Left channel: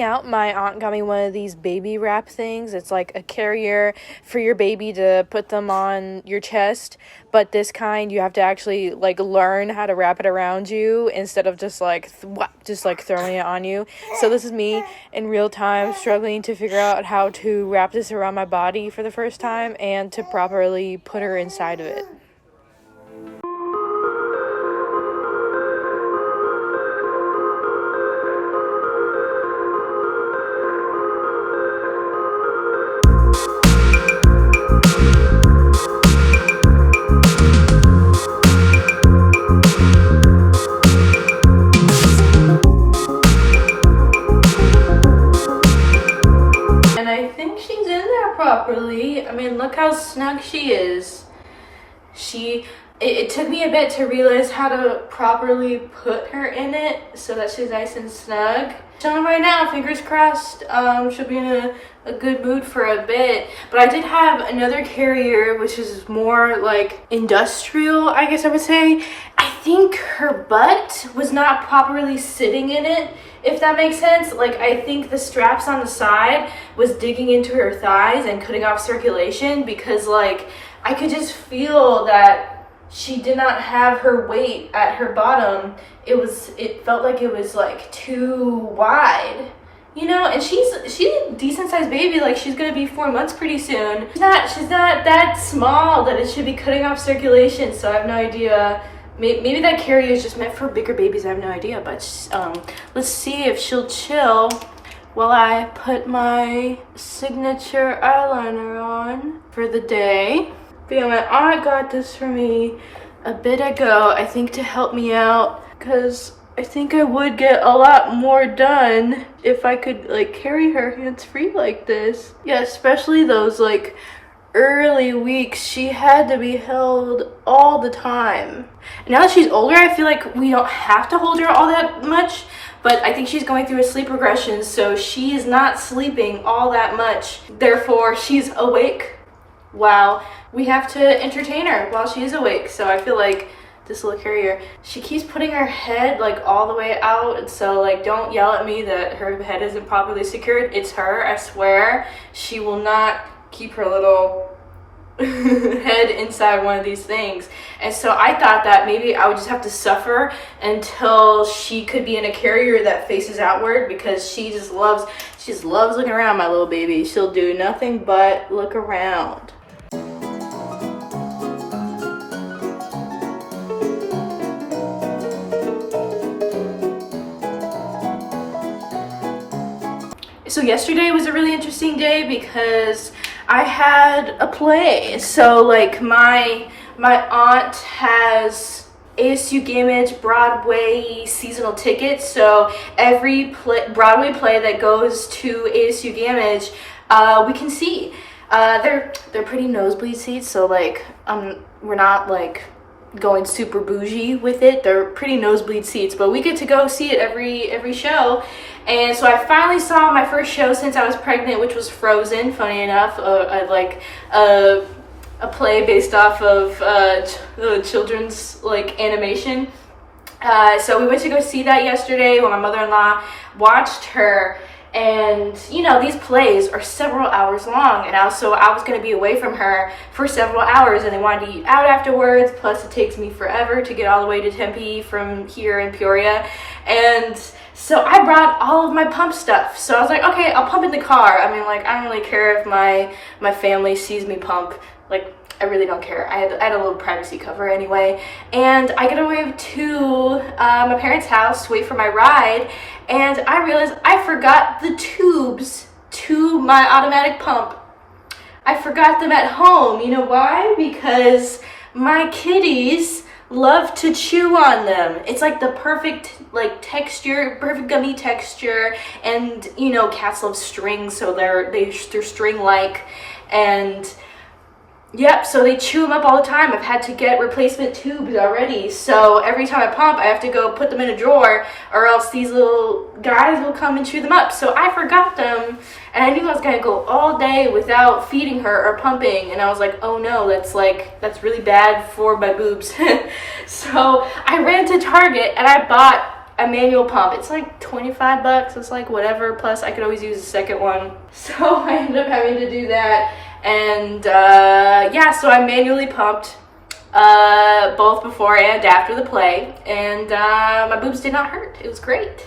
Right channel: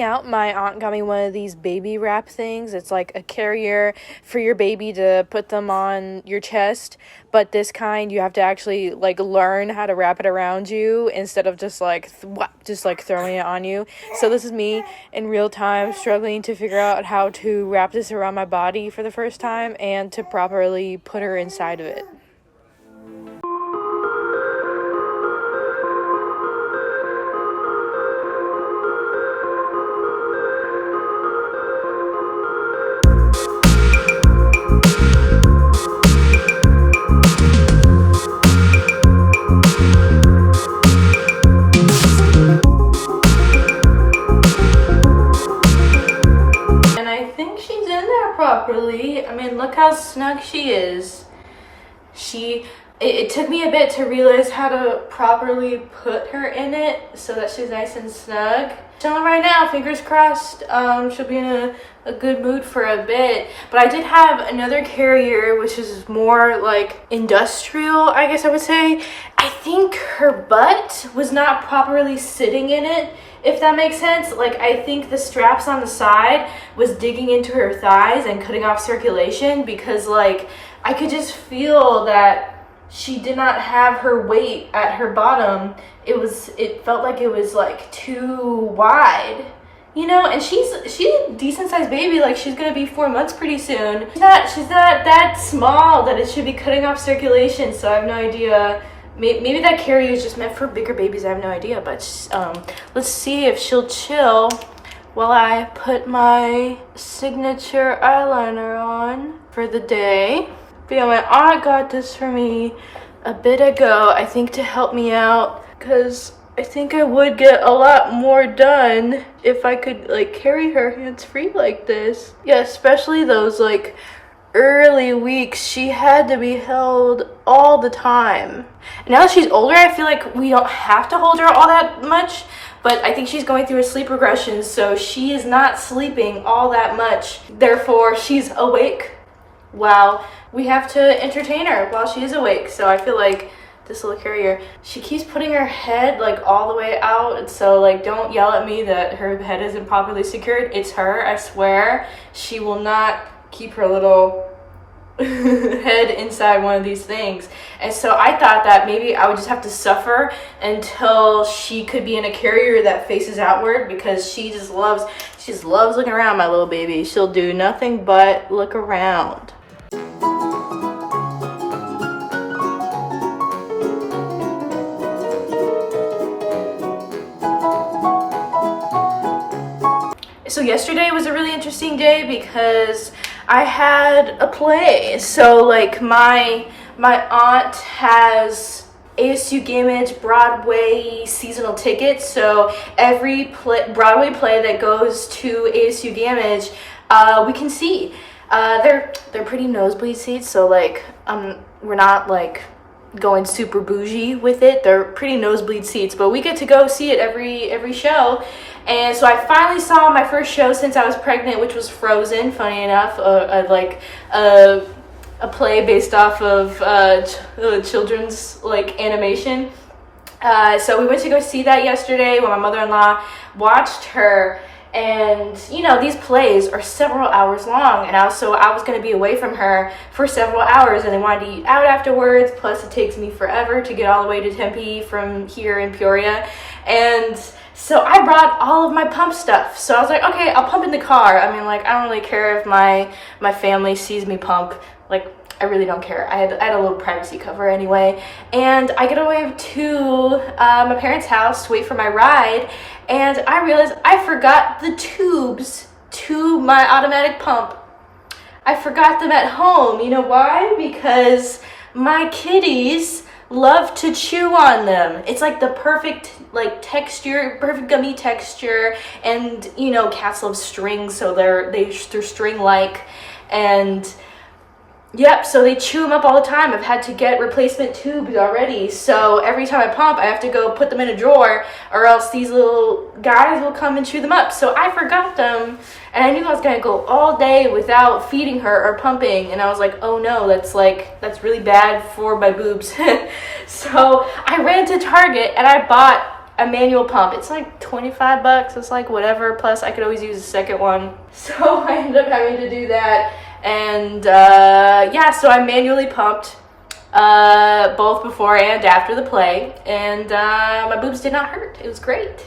me out, my aunt got me one of these baby wrap things. It's like a carrier for your baby to put them on your chest, but this kind you have to actually like learn how to wrap it around you instead of just like throwing it on you. So this is me in real time struggling to figure out how to wrap this around my body for the first time and to properly put her inside of it. Properly. I mean, look how snug she is. It took me a bit to realize how to properly put her in it so that she's nice and snug. So right now, fingers crossed, she'll be in a good mood for a bit. But I did have another carrier, which is more like industrial, I guess I would say. I think her butt was not properly sitting in it, if that makes sense. Like, I think the straps on the side was digging into her thighs and cutting off circulation, because like I could just feel that she did not have her weight at her bottom. It felt like it was like too wide, you know. And she's a decent sized baby. Like, she's gonna be 4 months pretty soon. She's not that small that it should be cutting off circulation. So I have no idea. Maybe that carrier is just meant for bigger babies. I have no idea. But let's see if she'll chill while I put my signature eyeliner on for the day. But yeah, my aunt got this for me a bit ago, I think, to help me out, because I think I would get a lot more done if I could like carry her hands-free like this. Yeah, especially those like early weeks, she had to be held all the time. And now that she's older, I feel like we don't have to hold her all that much, but I think she's going through a sleep regression, so she is not sleeping all that much. Therefore, she's awake while we have to entertain her while she is awake. So I feel like this little carrier, she keeps putting her head like all the way out, so like don't yell at me that her head isn't properly secured. It's her, I swear. She will not keep her little head inside one of these things. And so I thought that maybe I would just have to suffer until she could be in a carrier that faces outward, because she just loves looking around, my little baby. She'll do nothing but look around. So yesterday was a really interesting day because I had a play. So like my aunt has ASU Gamage Broadway seasonal tickets. So every Broadway play that goes to ASU Gamage, we can see. They're pretty nosebleed seats. So like we're not like going super bougie with it. They're pretty nosebleed seats, but we get to go see it every show. And so I finally saw my first show since I was pregnant, which was Frozen. Funny enough, a play based off of children's like animation. So we went to go see that yesterday when my mother-in-law watched her. And you know, these plays are several hours long, and also I was going to be away from her for several hours, and they wanted to eat out afterwards. Plus it takes me forever to get all the way to Tempe from here in Peoria. And so I brought all of my pump stuff. So I was like, okay, I'll pump in the car. I mean, like, I don't really care if my family sees me pump. Like, I really don't care. I had a little privacy cover anyway. And I get away to my parents' house to wait for my ride. And I realized I forgot the tubes to my automatic pump. I forgot them at home. You know why? Because my kitties love to chew on them. It's like the perfect like texture, perfect gummy texture. And you know, cats love string, so they're string-like. And yep, so they chew them up all the time. I've had to get replacement tubes already. So every time I pump, I have to go put them in a drawer, or else these little guys will come and chew them up. So I forgot them, and I knew I was gonna go all day without feeding her or pumping. And I was like, oh no, that's really bad for my boobs. So I ran to Target and I bought a manual pump. It's like 25 bucks. It's like whatever. Plus I could always use a second one. So I ended up having to do that. And yeah, so I manually pumped both before and after the play. And my boobs did not hurt. It was great.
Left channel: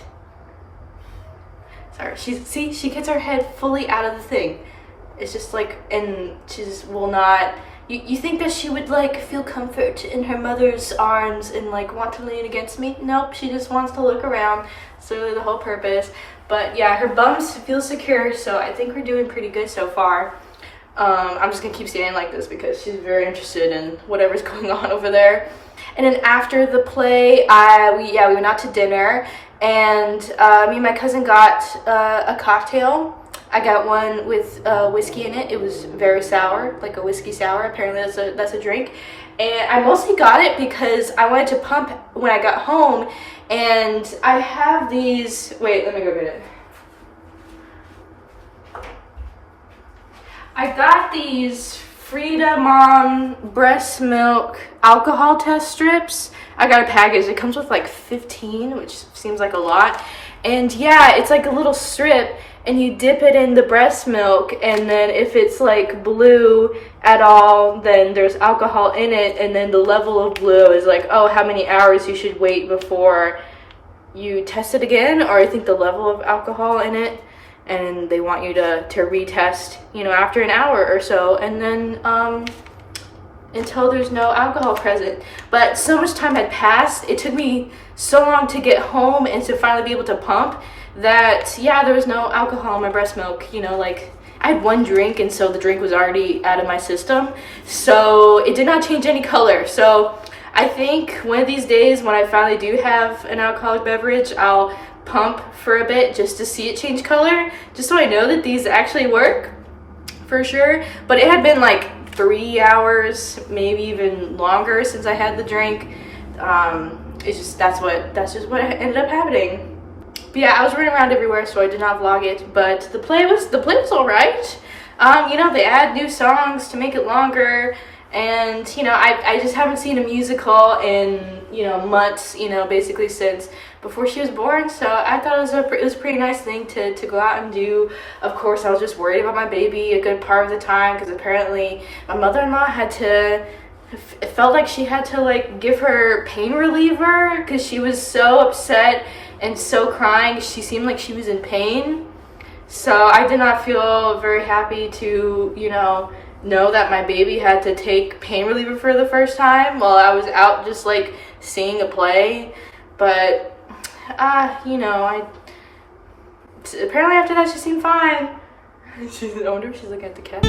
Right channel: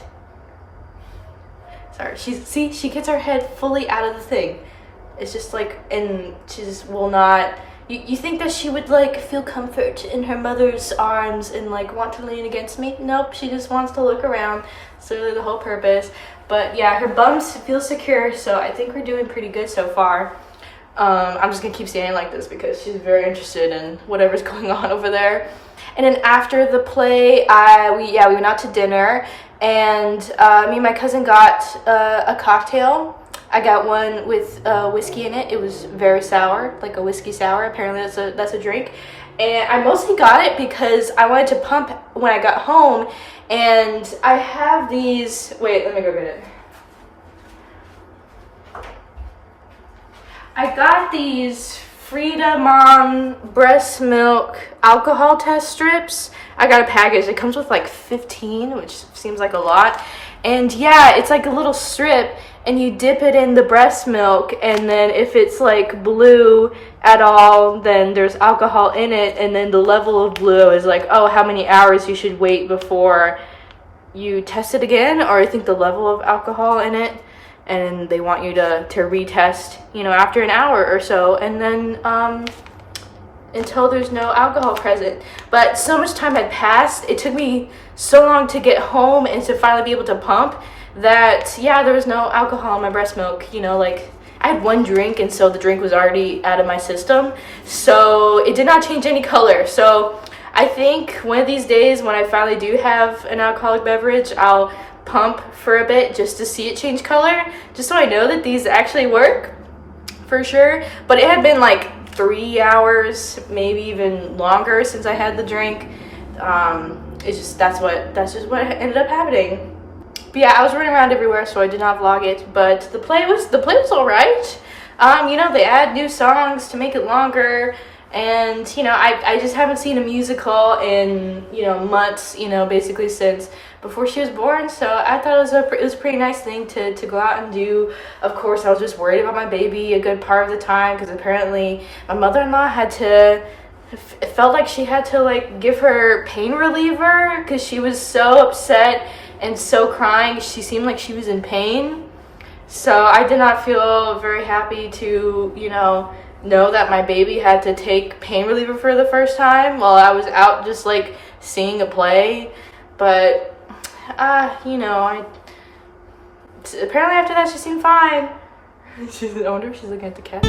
Sorry, she gets her head fully out of the thing. It's just like, and she just will not. You think that she would like feel comfort in her mother's arms and like want to lean against me? Nope, she just wants to look around. That's really the whole purpose. But yeah, her bums feel secure, so I think we're doing pretty good so far. I'm just gonna keep standing like this because she's very interested in whatever's going on over there. And then after the play, we went out to dinner, and me and my cousin got a cocktail. I got one with whiskey in it. It was very sour, like a whiskey sour. Apparently that's a drink. And I mostly got it because I wanted to pump when I got home. And I have these, wait, let me go get it. I got these Frida Mom breast milk alcohol test strips. I got a package. It comes with like 15, which seems like a lot. And yeah, it's like a little strip, and you dip it in the breast milk, and then if it's like blue at all, then there's alcohol in it, and then the level of blue is like, oh, how many hours you should wait before you test it again, or I think the level of alcohol in it, and they want you to retest, you know, after an hour or so, and then until there's no alcohol present. But so much time had passed, it took me so long to get home and to finally be able to pump, that yeah, there was no alcohol in my breast milk. You know, like I had one drink, and so the drink was already out of my system, so it did not change any color. So I think one of these days when I finally do have an alcoholic beverage, I'll pump for a bit just to see it change color, just so I know that these actually work for sure. But it had been like 3 hours, maybe even longer, since I had the drink. It's just that's just what ended up happening. But yeah, I was running around everywhere, so I did not vlog it. But the play was all right. You know, they add new songs to make it longer, and you know, I just haven't seen a musical in, you know, months. You know, basically since before she was born. So I thought it was a pretty nice thing to go out and do. Of course, I was just worried about my baby a good part of the time, because apparently my mother-in-law had to. It felt like she had to like give her pain reliever because she was so upset and so crying. She seemed like she was in pain. So I did not feel very happy to, you know that my baby had to take pain reliever for the first time while I was out just like seeing a play. But you know, apparently after that she seemed fine. I wonder if she's looking at the cat.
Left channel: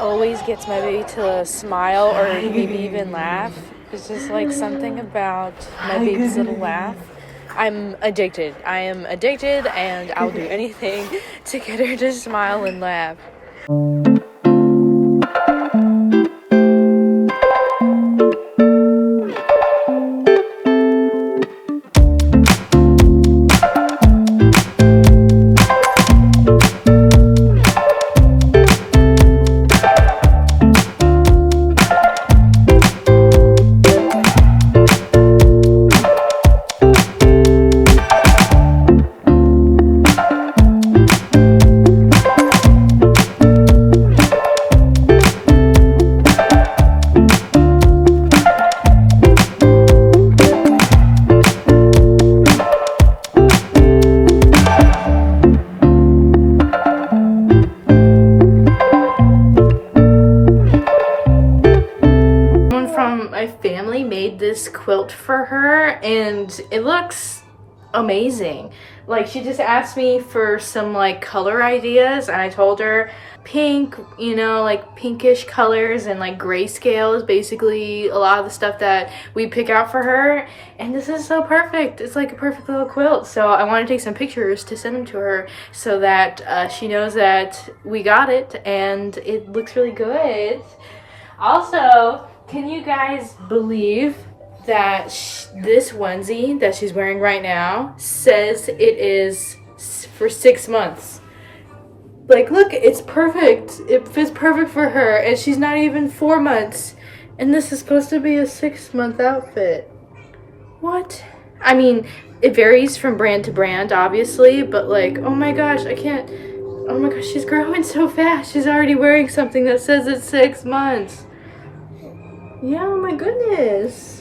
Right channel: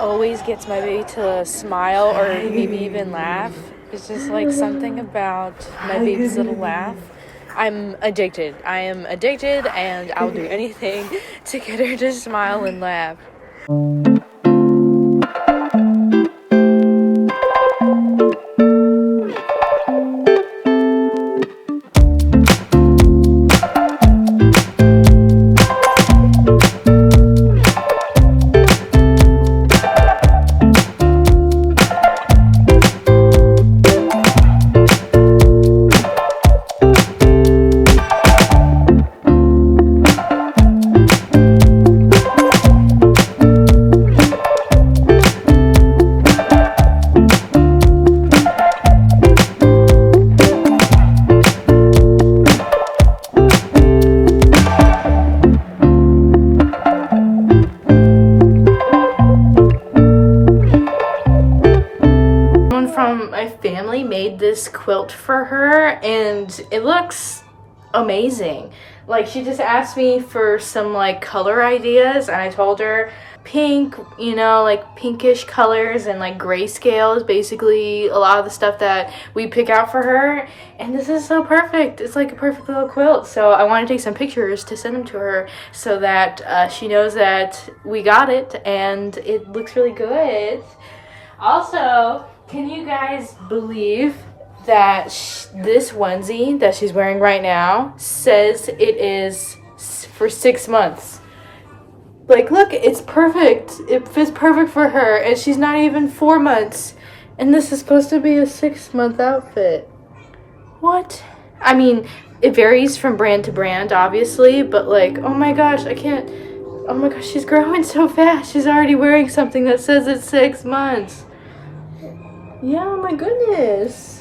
Always gets my baby to smile or maybe even laugh. It's just like something about my baby's little laugh. I'm addicted. I am addicted, and I'll do anything to get her to smile and laugh. Family made this quilt for her, and it looks amazing. Like, she just asked me for some like color ideas, and I told her pink, you know, like pinkish colors, and like grayscale is basically a lot of the stuff that we pick out for her. And this is so perfect. It's like a perfect little quilt. So I want to take some pictures to send them to her so that she knows that we got it and it looks really good. Also, can you guys believe that this onesie that she's wearing right now says it is for 6 months? Like, look, it's perfect. It fits perfect for her, and she's not even 4 months. And this is supposed to be a 6-month outfit. What? I mean, it varies from brand to brand, obviously, but like, oh my gosh, I can't. Oh my gosh, she's growing so fast. She's already wearing something that says it's 6 months. Yeah, oh my goodness.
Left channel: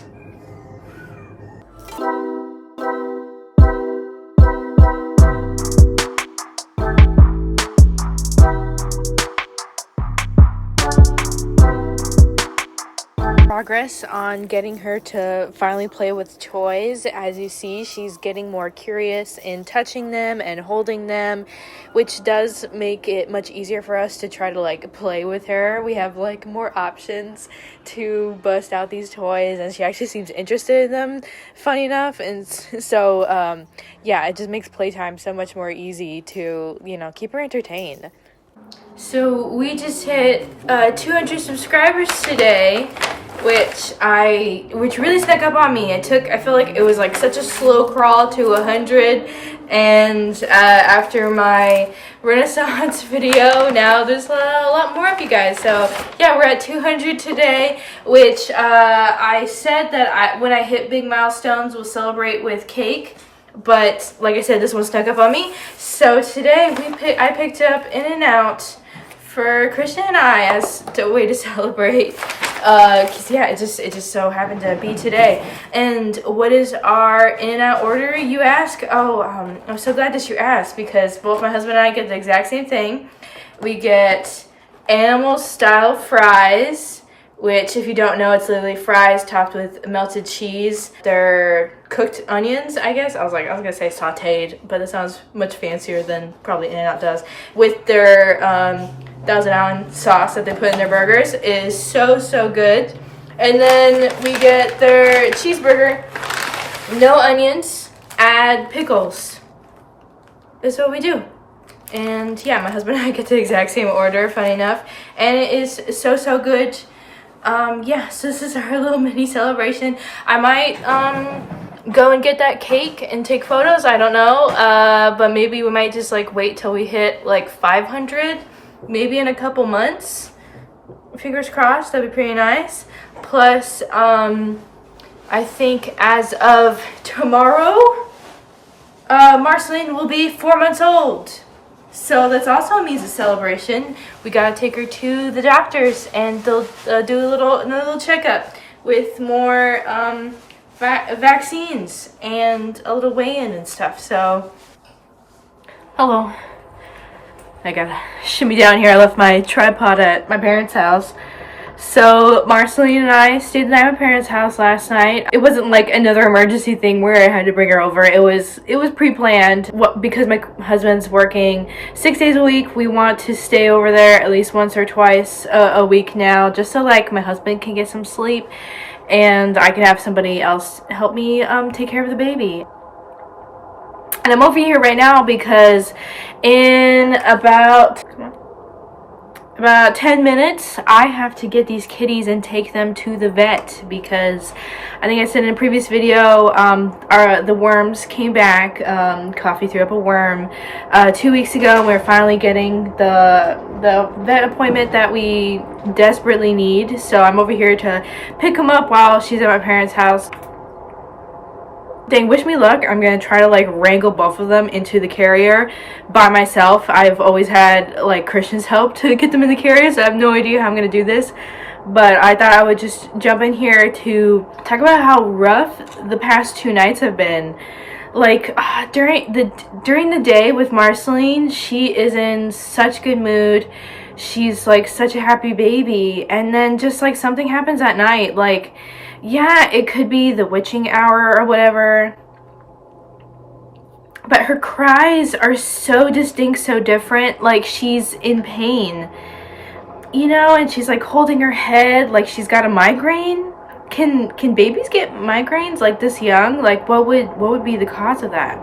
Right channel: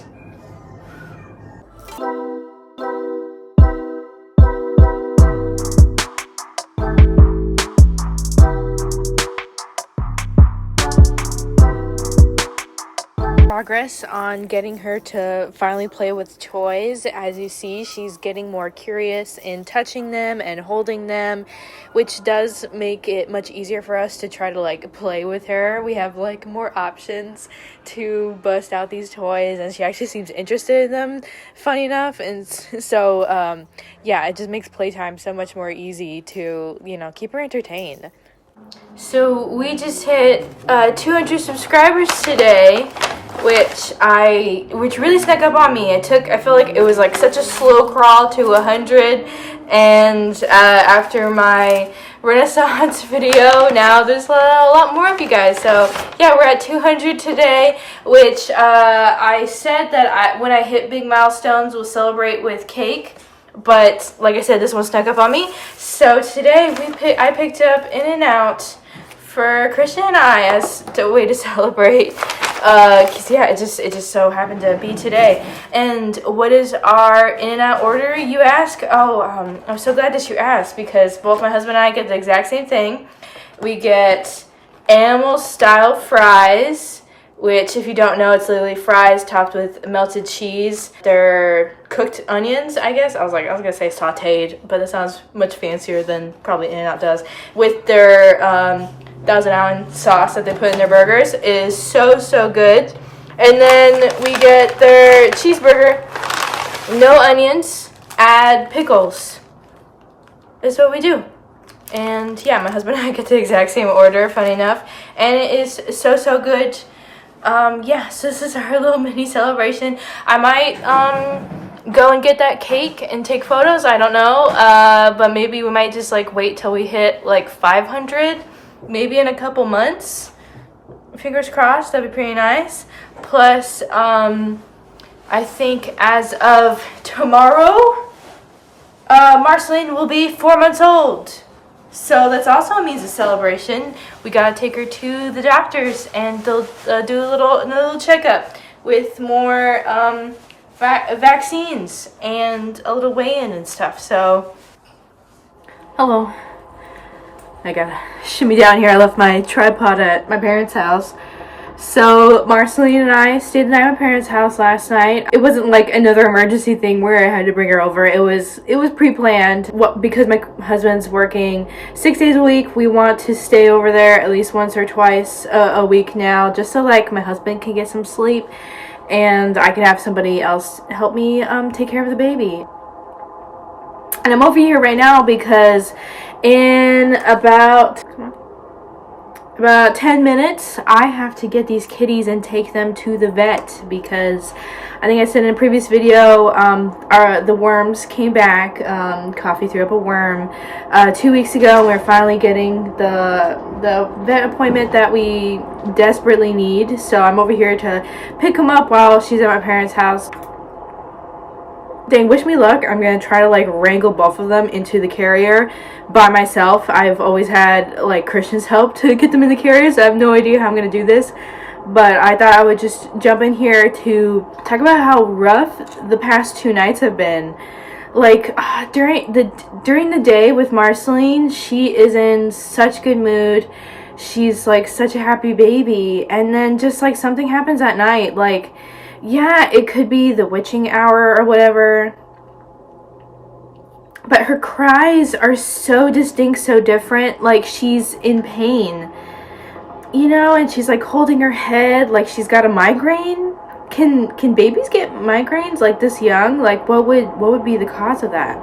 Progress on getting her to finally play with toys. As you see, she's getting more curious in touching them and holding them, which does make it much easier for us to try to like play with her. We have like more options to bust out these toys, and she actually seems interested in them, funny enough. And so yeah, it just makes playtime so much more easy to, you know, keep her entertained. So we just hit 200 subscribers today, which really snuck up on me. I feel like it was like such a slow crawl to 100, and after my Renaissance video, now there's a lot more of you guys. So yeah, we're at 200 today, which I said that when I hit big milestones, we'll celebrate with cake. But like I said, this one snuck up on me. So today I picked up In-N-Out for Christian and I as a way to celebrate. Cause yeah, it just so happened to be today. And what is our In-N-Out order, you ask? Oh, I'm so glad that you asked, because both my husband and I get the exact same thing. We get animal style fries, which, if you don't know, it's literally fries topped with melted cheese. They're cooked onions, I guess. I was gonna say sauteed, but that sounds much fancier than probably In-N-Out does. With their Thousand Island sauce that they put in their burgers. It is so good. And then we get their cheeseburger, no onions, add pickles. That's what we do. And yeah, my husband and I get the exact same order, funny enough. And it is so good. Yeah, so this is our little mini celebration. I might go and get that cake and take photos, I don't know, but maybe we might just like wait till we hit like 500, maybe in a couple months. Fingers crossed, that'd be pretty nice. Plus, I think as of tomorrow, Marceline will be 4 months old. So that's also a means of celebration. We gotta take her to the doctors, and they'll do a little checkup with more vaccines and a little weigh-in and stuff. So, hello. I gotta shimmy down here. I left my tripod at my parents' house. So Marceline and I stayed the night at my parents' house last night. It wasn't like another emergency thing where I had to bring her over. It was pre-planned. Because my husband's working 6 days a week, we want to stay over there at least once or twice a week now, just so like my husband can get some sleep and I can have somebody else help me take care of the baby. And I'm over here right now because in about 10 minutes, I have to get these kitties and take them to the vet, because I think I said in a previous video, the worms came back. Coffee threw up a worm 2 weeks ago. We're finally getting the vet appointment that we desperately need. So I'm over here to pick them up while she's at my parents' house. Dang, wish me luck. I'm gonna try to like wrangle both of them into the carrier by myself. I've always had like Christian's help to get them in the carrier, so I have no idea how I'm gonna do this. But I thought I would just jump in here to talk about how rough the past 2 nights have been. Like during the day with Marceline, she is in such good mood. She's like such a happy baby, and then just like something happens at night, like, yeah, it could be the witching hour or whatever. but her cries are so distinct, so different, like she's in pain, you know, and she's like holding her head like she's got a migraine. Can babies get migraines like this young? Like what would be the cause of that?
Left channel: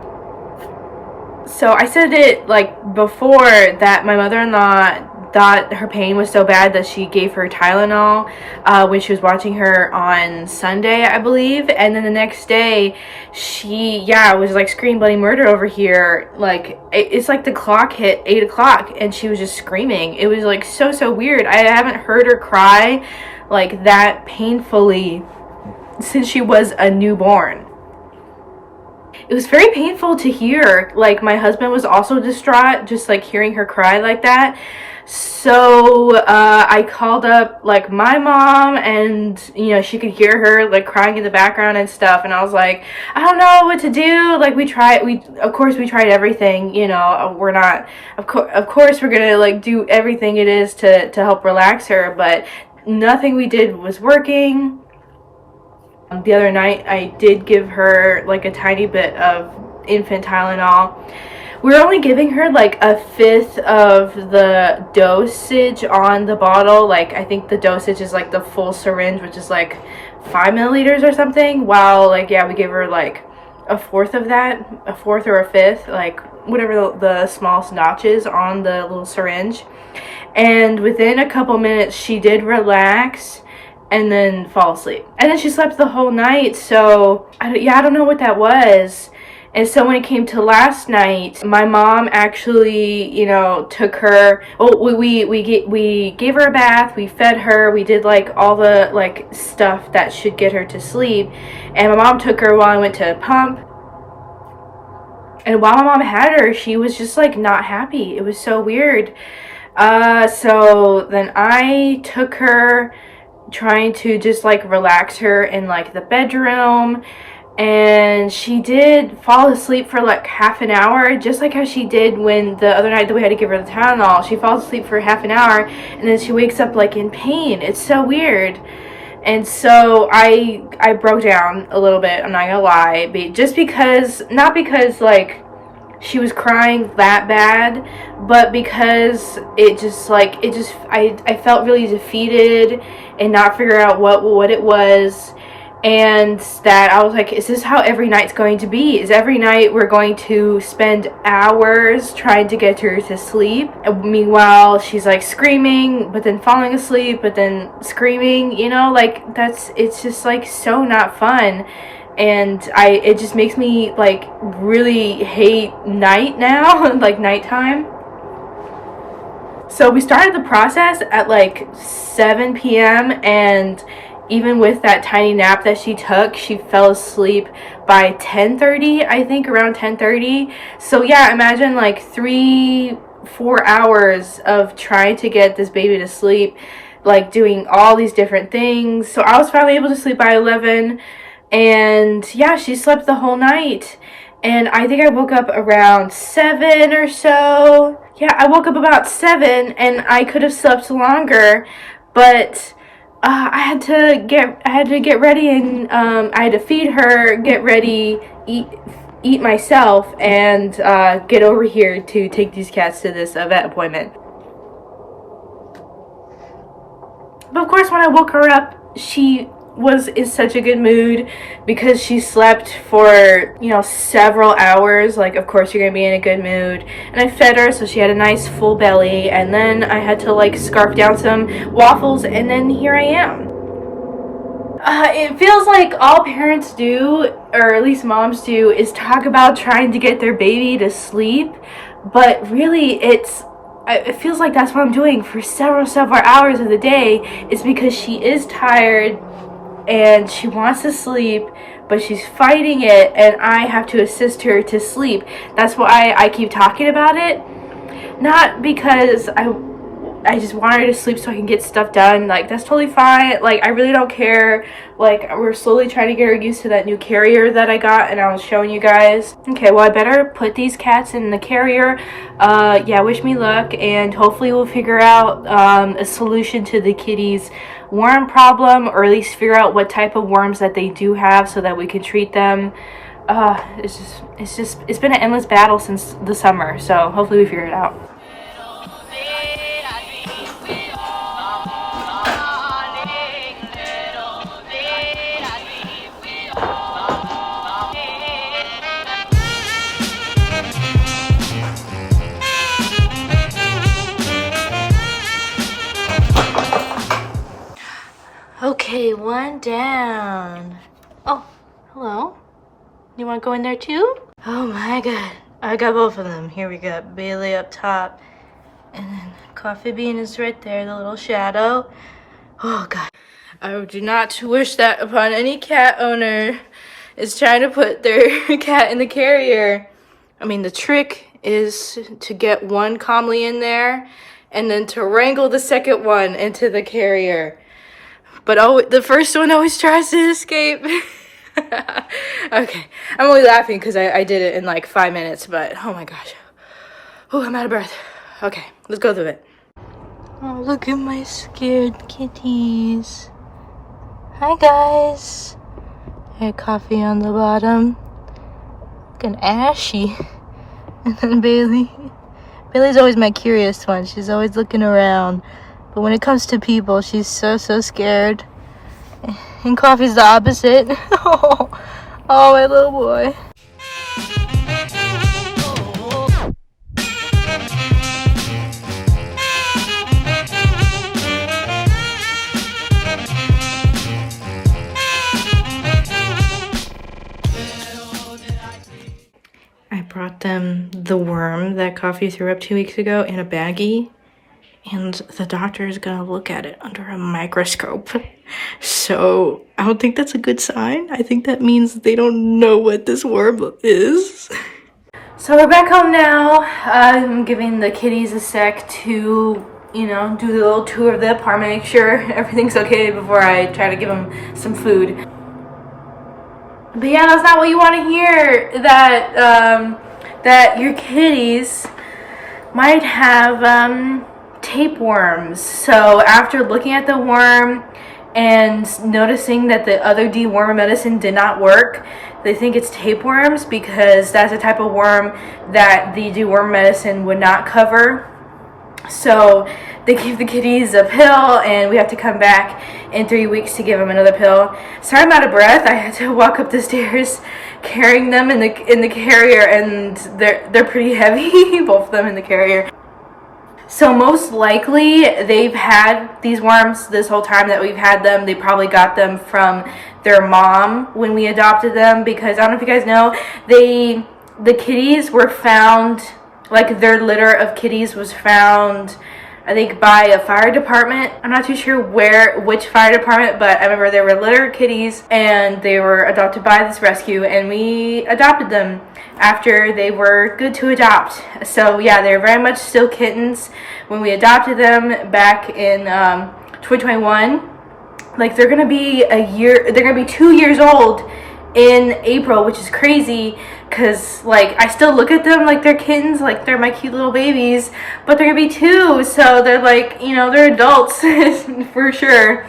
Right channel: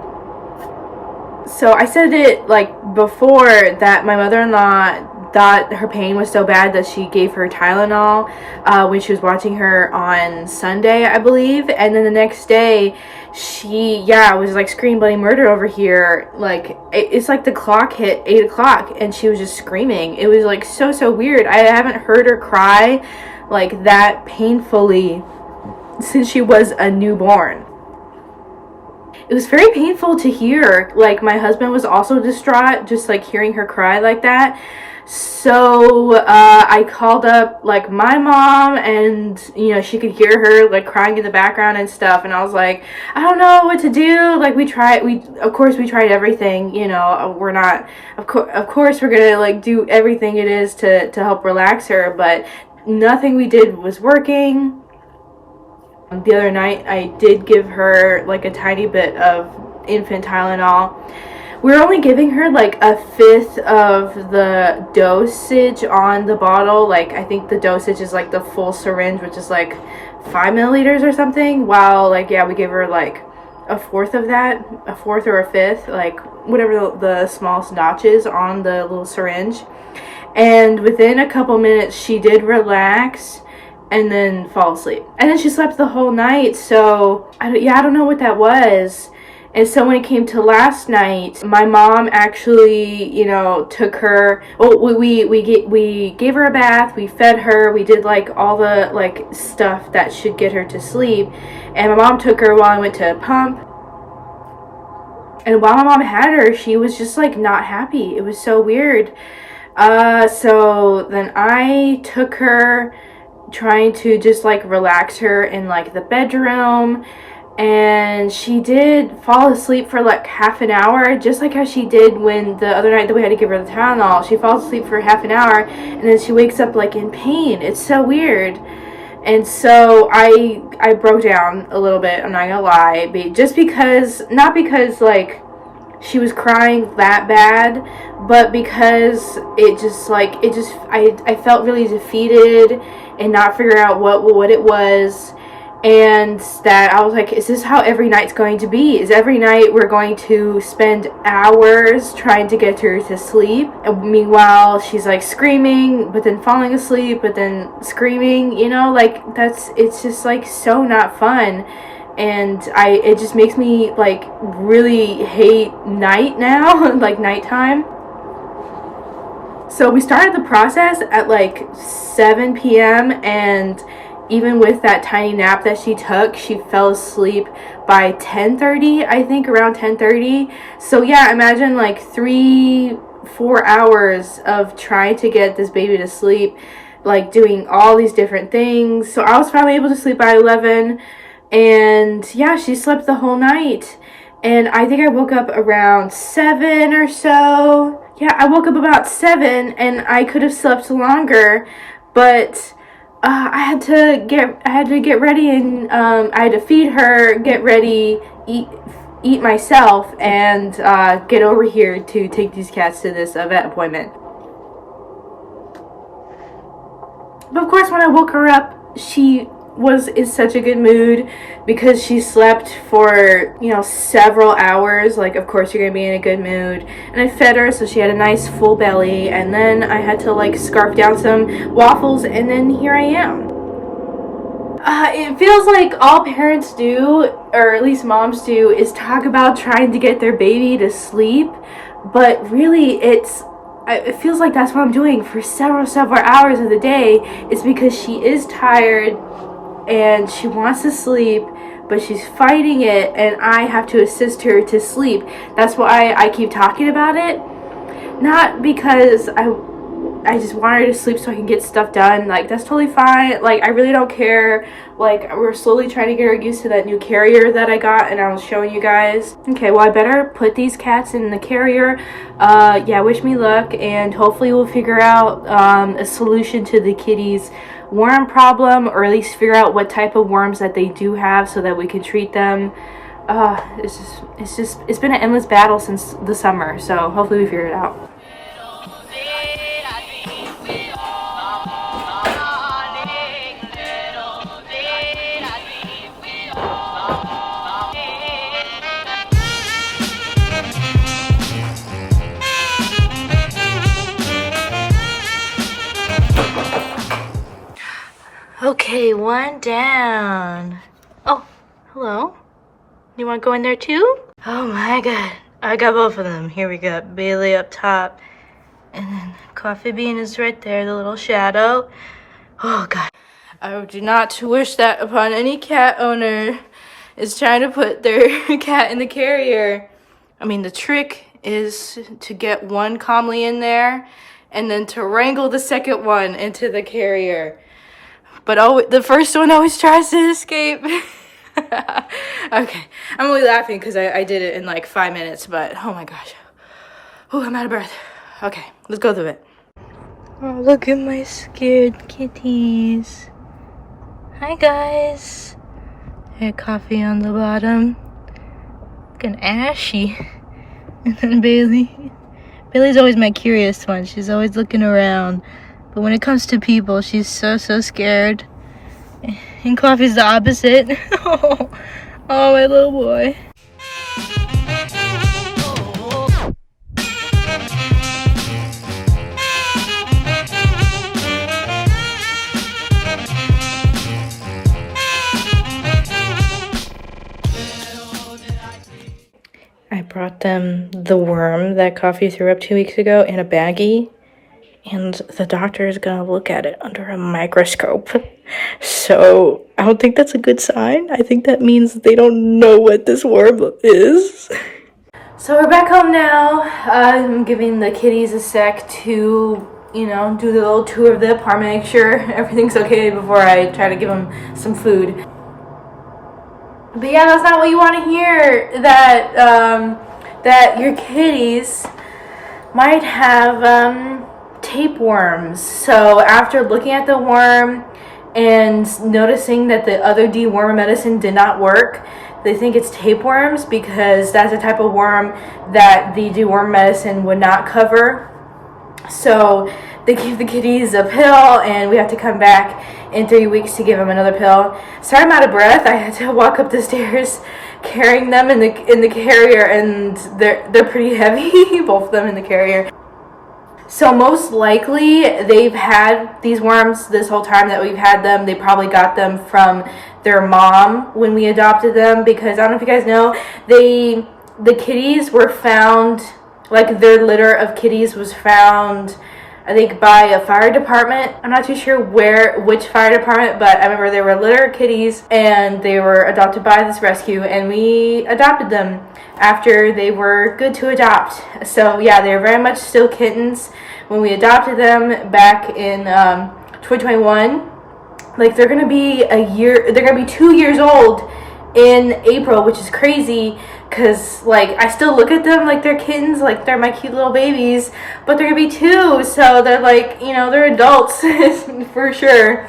So I said it like before that my mother-in-law thought her pain was so bad that she gave her Tylenol when she was watching her on Sunday, I believe. And then the next day she was like screaming bloody murder over here. Like it's like the clock hit 8 o'clock and she was just screaming. It was like so weird. I haven't heard her cry like that painfully since she was a newborn. It was very painful to hear. Like my husband was also distraught just like hearing her cry like that. So I called up like my mom, and you know, she could hear her like crying in the background and stuff, and I was like, I don't know what to do. Like we tried everything, you know. We're not of course we're gonna like do everything it is to help relax her, but nothing we did was working. The other night I did give her like a tiny bit of infant Tylenol. We were only giving her like a fifth of the dosage on the bottle. Like I think the dosage is like the full syringe, which is like 5 milliliters or something, while like we gave her like a fourth of that, a fourth or a fifth, like whatever the smallest notch is on the little syringe. And within a couple minutes she did relax and then fall asleep, and then she slept the whole night. So I don't know what that was. And so when it came to last night, my mom actually, you know, took her. Well, we gave her a bath, we fed her, we did like all the like stuff that should get her to sleep. And my mom took her while I went to pump. And while my mom had her, she was just like not happy. It was so weird. So then I took her, trying to just like relax her in like the bedroom. And she did fall asleep for like half an hour, just like how she did when the other night that we had to give her the Tylenol. She falls asleep for half an hour and then she wakes up like in pain. It's so weird. And so I broke down a little bit, I'm not gonna lie, just because, not because like she was crying that bad, but because I felt really defeated and not figure out what it was. And that I was like, is this how every night's going to be? Is every night we're going to spend hours trying to get her to sleep? And meanwhile, she's like screaming, but then falling asleep, but then screaming, you know, like it's just like so not fun. And it just makes me like really hate night now, like nighttime. So we started the process at like 7 p.m. and even with that tiny nap that she took, she fell asleep by 10:30, I think, around 10:30. So yeah, imagine like 3-4 hours of trying to get this baby to sleep, like doing all these different things. So I was finally able to sleep by 11, and yeah, she slept the whole night. And I think I woke up around 7 or so. Yeah, I woke up about 7, and I could have slept longer, but I had to get ready, and I had to feed her, get ready, eat myself, and get over here to take these cats to this vet appointment. But of course, when I woke her up, she was in such a good mood because she slept for, you know, several hours. Like, of course you're gonna be in a good mood. And I fed her, so she had a nice full belly, and then I had to like scarf down some waffles, and then here I am. It feels like all parents do, or at least moms do, is talk about trying to get their baby to sleep, but really it feels like that's what I'm doing for several hours of the day. It's because she is tired and she wants to sleep, but she's fighting it, and I have to assist her to sleep. That's why I keep talking about it. Not because I just want her to sleep so I can get stuff done. Like, that's totally fine. Like, I really don't care. Like, we're slowly trying to get her used to that new carrier that I got, and I was showing you guys. Okay, well, I better put these cats in the carrier. Yeah, wish me luck, and hopefully we'll figure out a solution to the kitties' worm problem, or at least figure out what type of worms that they do have so that we can treat them. It's been an endless battle since the summer, so hopefully we figure it out. Okay, one down. Oh, hello. You want to go in there too? Oh my god. I got both of them. Here we got Bailey up top. And then Coffee Bean is right there, the little shadow. Oh god. I do not wish that upon any cat owner is trying to put their cat in the carrier. I mean, the trick is to get one calmly in there and then to wrangle the second one into the carrier. But the first one always tries to escape. Okay, I'm only laughing because I did it in like 5 minutes, but oh my gosh. Oh, I'm out of breath. Okay, let's go through it. Oh, look at my scared kitties. Hi, guys. I had Coffee on the bottom. Looking ashy. And then Bailey. Bailey's always my curious one. She's always looking around. But when it comes to people, she's so scared. And Coffee's the opposite. Oh, my little boy. I brought them the worm that Coffee threw up 2 weeks ago in a baggie. And the doctor is gonna look at it under a microscope. So I don't think that's a good sign. I think that means they don't know what this worm is. So we're back home now. I'm giving the kitties a sec to, do the little tour of the apartment, make sure everything's okay before I try to give them some food. But yeah, that's not what you want to hear. That your kitties might have tapeworms. So after looking at the worm and noticing that the other dewormer medicine did not work, they think it's tapeworms because that's a type of worm that the dewormer medicine would not cover. So they give the kitties a pill, and we have to come back in 3 weeks to give them another pill. Sorry, I'm out of breath. I had to walk up the stairs carrying them in the carrier, and they're pretty heavy, both of them in the carrier. So most likely they've had these worms this whole time that we've had them. They probably got them from their mom when we adopted them, because I don't know if you guys know, the kitties were found, like their litter of kitties was found, I think, by a fire department. I'm not too sure which fire department, but I remember they were litter kitties and they were adopted by this rescue, and we adopted them after they were good to adopt. So yeah, they're very much still kittens when we adopted them back in 2021. Like they're gonna be 2 years old in April, which is crazy because like I still look at them like they're kittens, like they're my cute little babies, but they're gonna be 2, so they're like, they're adults for sure.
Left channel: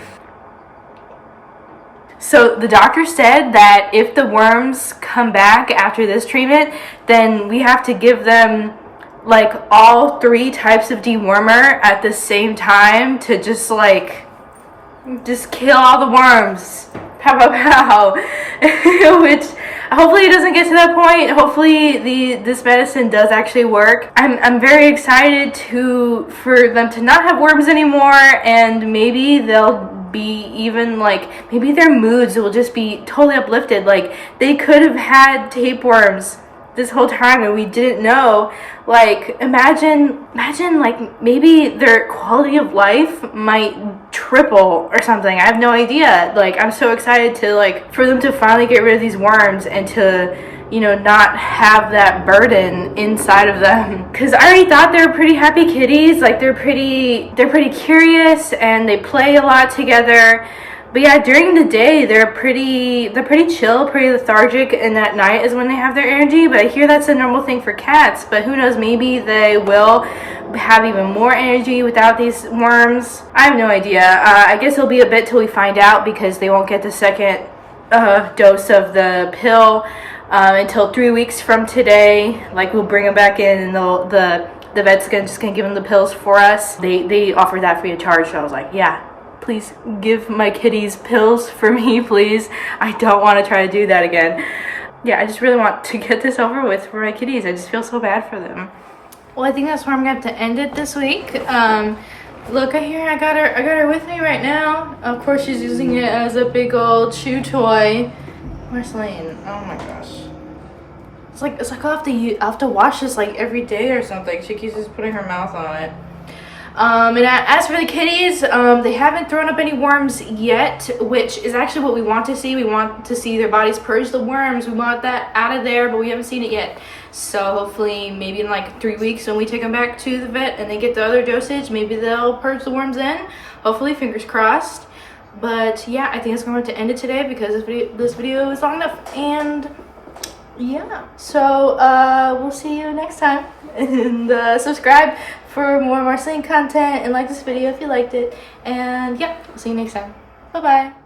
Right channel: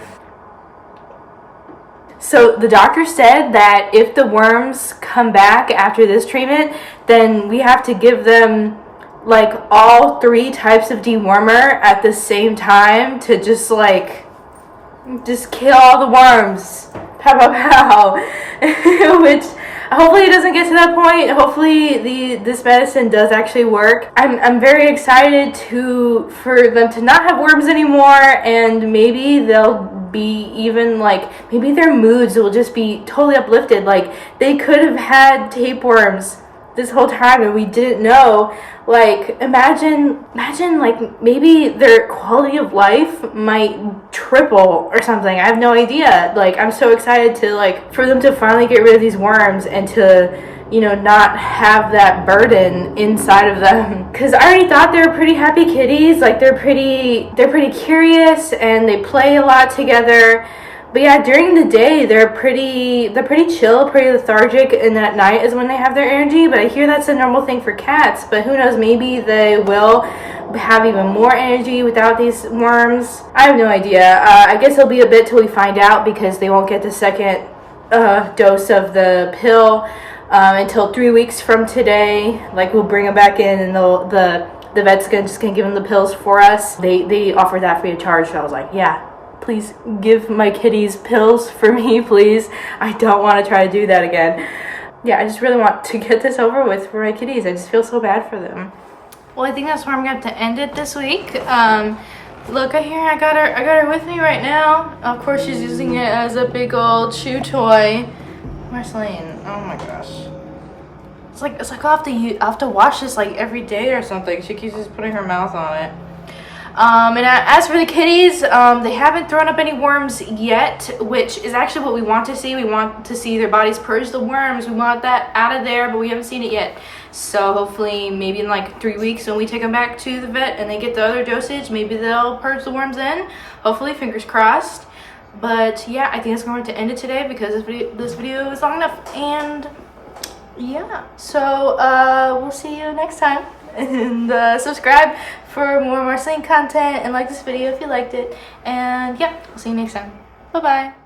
So the doctor said that if the worms come back after this treatment, then we have to give them like all 3 types of dewormer at the same time to just kill all the worms. Pow, pow, pow. Which hopefully it doesn't get to that point. Hopefully this medicine does actually work. I'm very excited for them to not have worms anymore, and maybe they'll be even maybe their moods will just be totally uplifted. Like they could have had tapeworms this whole time and we didn't know. Like imagine like maybe their quality of life might triple or something. I have no idea. Like I'm so excited to for them to finally get rid of these worms and to not have that burden inside of them, because I already thought they were pretty happy kitties. Like they're pretty curious and they play a lot together. But yeah, during the day they're pretty chill, pretty lethargic, and at night is when they have their energy. But I hear that's a normal thing for cats, but who knows, maybe they will have even more energy without these worms. I have no idea. I guess it'll be a bit till we find out, because they won't get the second dose of the pill. until 3 weeks from today. Like, we'll bring them back in, and the vet's just gonna give them the pills for us. They offer that free of charge, so I was like, yeah, please give my kitties pills for me, please. I don't want to try to do that again. Yeah, I just really want to get this over with for my kitties. I just feel so bad for them. Well, I think that's where I'm going to have to end it this week. Look right here, I got her with me right now. Of course, she's using it as a big old chew toy. Where's Lane? Oh my gosh. It's like I'll have to wash this like every day or something. She keeps just putting her mouth on it. And as for the kitties, they haven't thrown up any worms yet, which is actually what we want to see. We want to see their bodies purge the worms. We want that out of there, but we haven't seen it yet. So hopefully maybe in like 3 weeks when we take them back to the vet and they get the other dosage, maybe they'll purge the worms in. Hopefully, fingers crossed. But yeah, I think it's going to end it today because this video is long enough. And yeah, so we'll see you next time. And subscribe for more Marceline content, and like this video if you liked it. And yeah, we'll see you next time. Bye bye.